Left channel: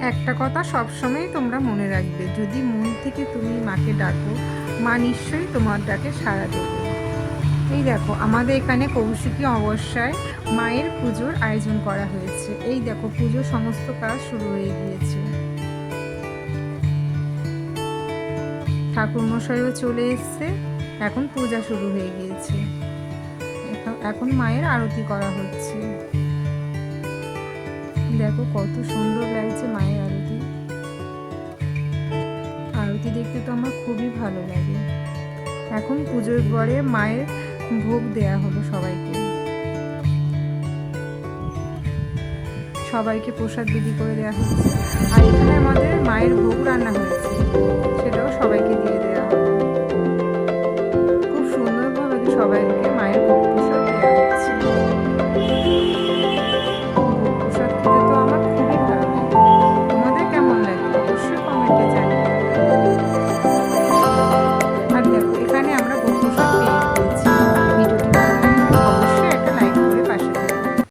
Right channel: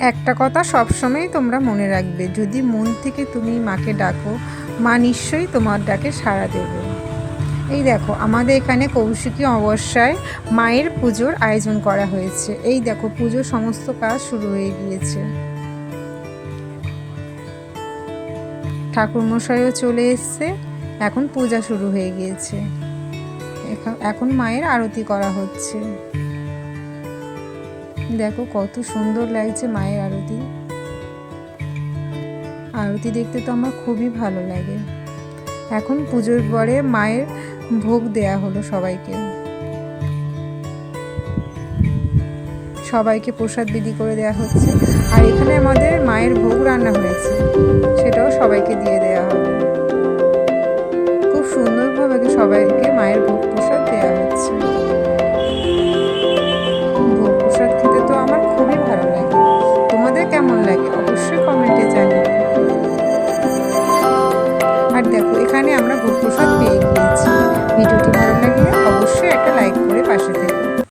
একটা কথা সবসময় তোমরা মনে রাখবে, যদি মন থেকে তুমি মাকে ডাকো, মা নিশ্চয়ই তোমার ডাকে সাড়া দেবে। এই দেখো আমাদের এখানে কৌশিকী অমাবস্যায় মায়ের পুজোর আয়োজন করা হয়েছে। এই দেখো পুজোর সমস্ত কাজ শুরু হয়ে গিয়েছে, ঠাকুরমশাইও চলে এসছে, এখন পূজা শুরু হয়ে গিয়েছে। এখন মায়ের আরতি করা হচ্ছে। দেখো কত সুন্দর লাগছে মায়ের আরতি। আরতি দেখতে তো আমার খুবই ভালো লাগে। এখন পুজোর পরে মায়ের ভোগ দেয়া হলো সবাইকে, সবাইকে প্রসাদ বিলি করে দেওয়া হচ্ছে। আর এখানে আমাদের মায়ের ভোগ রান্না হয়েছে, সেটাও সবাইকে দিয়ে দেওয়া হবে। খুব সুন্দরভাবে সবাইকে মায়ের ভোগ প্রসাদ দেওয়া হচ্ছে। ভোগ প্রসাদ খেতে তো আমার খুবই ভালো লাগে। তোমাদের কেমন লাগে অবশ্যই কমেন্টে জানিও।